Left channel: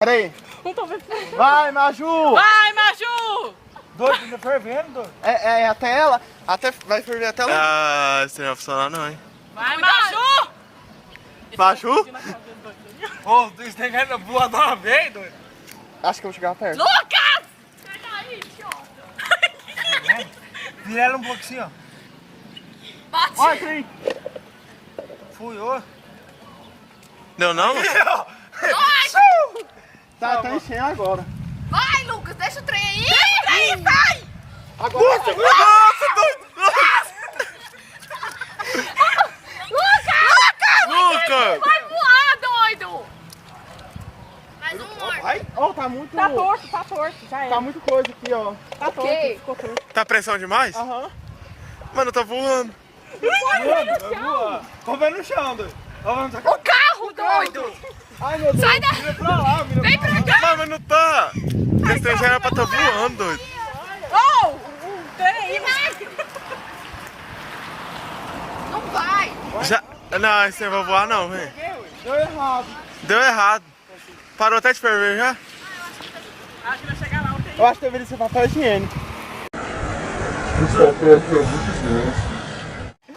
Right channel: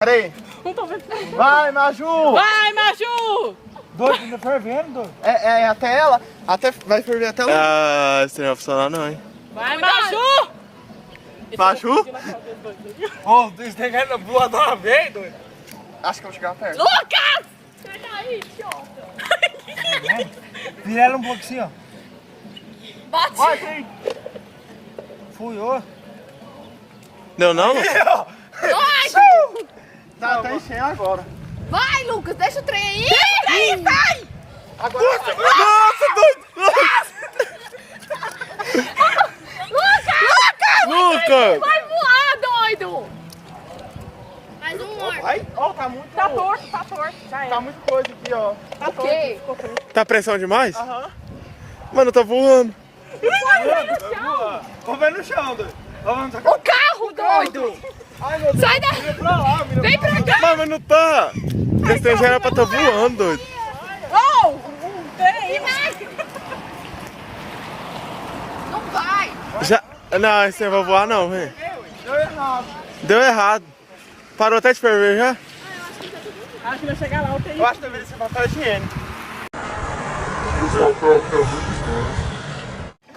Peraí. Vai, Maju! Vai, Maju! Doido, ainda fervendo, doido. É até ela. Vai ferver até ela. Ah, isso não vai funcionar não, hein? Vai, Maju! Maju? Ô, isso tem que voar de uma vez, doido. Acho que eu vou chegar perto. Lucas! Sai daí, idiota! Vira ela um pouco assim, ó. Bate! Vai, trem. Fui, ô. Deu não? Vai! Tá enchendo agora. Vai, Lucas, deixa o trem aí! Deixa o trem aí, sai! Agora. Nossa, doido! Lucas! Lucas! Vai voar, doido! Mais um morto. Ai, ó, tá muito. Tá torto. Já era. Tá muito coisa aqui, ó. Tá torto. Ficou torto. Tá pressão demais? Aham. Mano, tá voando. Vamos ver no chão, doido. Vamos no O carro, doido! Ai, meu Deus. Sai daí! Mira pra lá, mira Vem pra cá! Mas não tá. Esse trem já era pra tá voando, doido. Oh! O trem aí, vai! Não vai! Já... Não, esse trem vai voar não, velho. Deu errado. Deu errado. Parou até de ferver já? Acho que vai chegar lá o TI. Eu acho que deveria ser papel higiênico.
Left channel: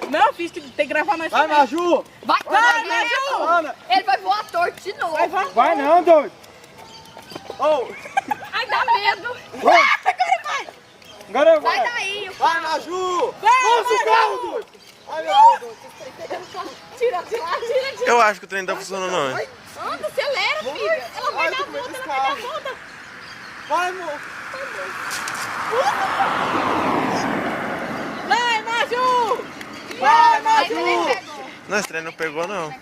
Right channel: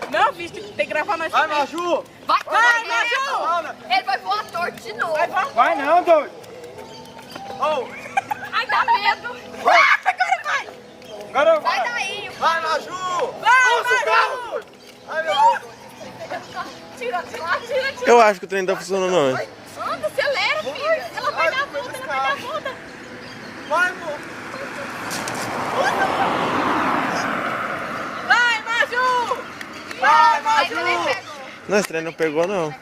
Não, bicho, tem que gravar mais. Vai, Maju. Vai, Vai, Maju! Ana. Ele vai voar torto de novo. Vai não, doido. Oh, Ai, dá medo. Agora vai! Agora Sai vai. daí! vai, Maju. Vai, Nossa, o carro, Maju! doido. Ai, meu Deus. Tira. Eu acho que o trem não tá funcionando não, hein? Anda, acelera, filha. Ela vai dar volta, ela vai dar volta. Vai, amor. Vai, Maju! Vai, Maju! Maju. Não, esse trem não pegou não.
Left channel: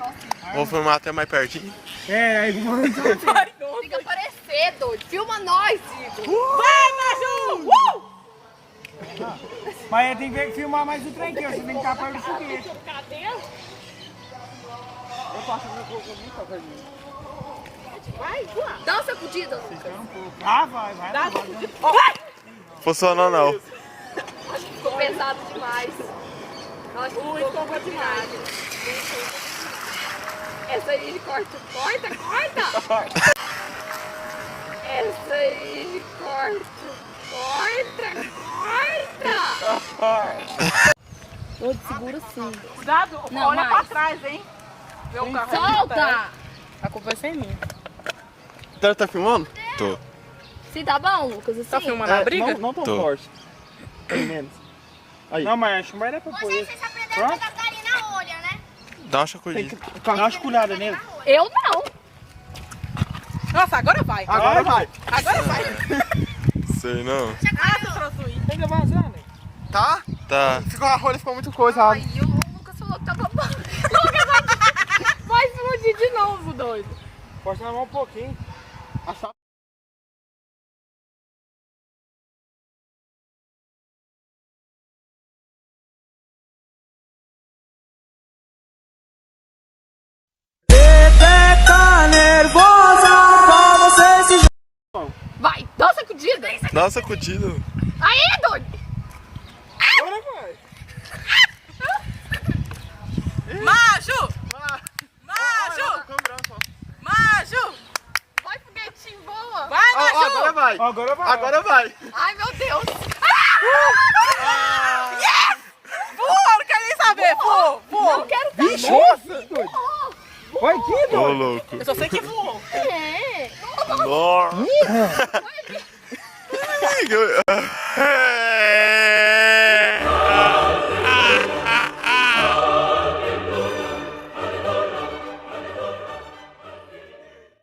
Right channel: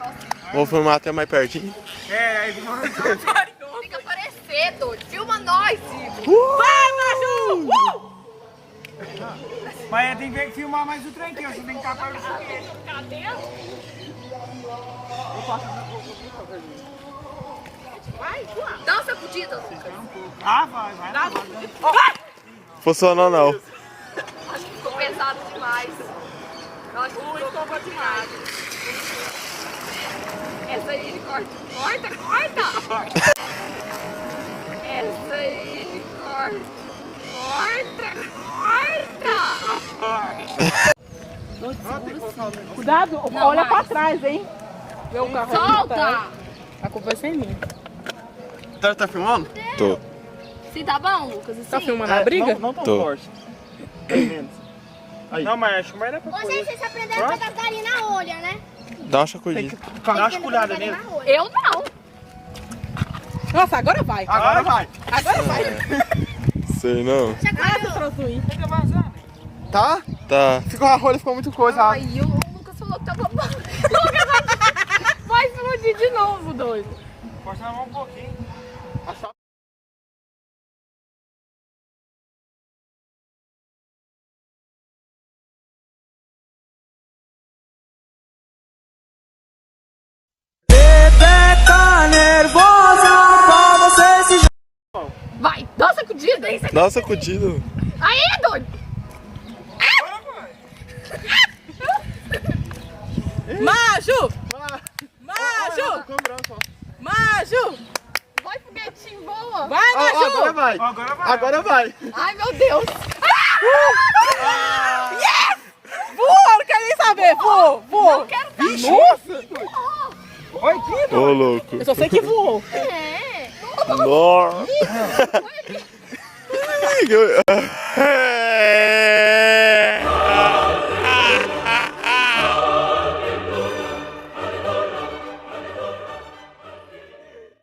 Vou filmar até mais pertinho. É, aí vamos. Tem que aparecer, doido. Filma nós, Ivo. Vai, Maju! Mas tem que filmar mais o trem aqui, ó. Você tem que estar perto do foguete. Cadê? Vai, voa. Dá uma sacudida. Ah, vai. Vai! Funcionou não. Ficou pesado demais. Nossa, ficou demais. Essa aí, corta. Essa aí, corta. Segura assim. Cuidado, Não, olha mais. pra trás, hein? Vê o carro. Solta! A culpa é sem mim. Então tá filmando? Tô. Se tá bom, Lucas, assim. Tá filmando a briga? Não tão Tô. forte. Aí. Não, mas acho que não vai dar pra Ô, pôr. gente, vocês aprenderam com a Catarina na olha, né? Dá uma sacudinha. Dá uma esculhada nele. Eu não. Nossa, agora vai. Agora vai. Agora vai. Sei não. Ah, seu troço Tem que avançar, né? Tá? Tá. Ficou a rolha, ficou muito coisa. Ai, o Lucas falou que tava bom. Lucas vai explodir de novo, doido. Força na mão um pouquinho. Vai, dá uma sacudida. Dá uma sacudida. Aí, doido. Agora vai. Maju! Maju! Vai, foguetinho, voa. Vai, Ó, Maju! agora vai. Agora vai. Agora vai. Ai, meu Deus. Voa, não quero nem saber. Voa. Não quero saber. Nossa! Vai aqui, Ô, louco. Eu só sei que voou. É. Nossa.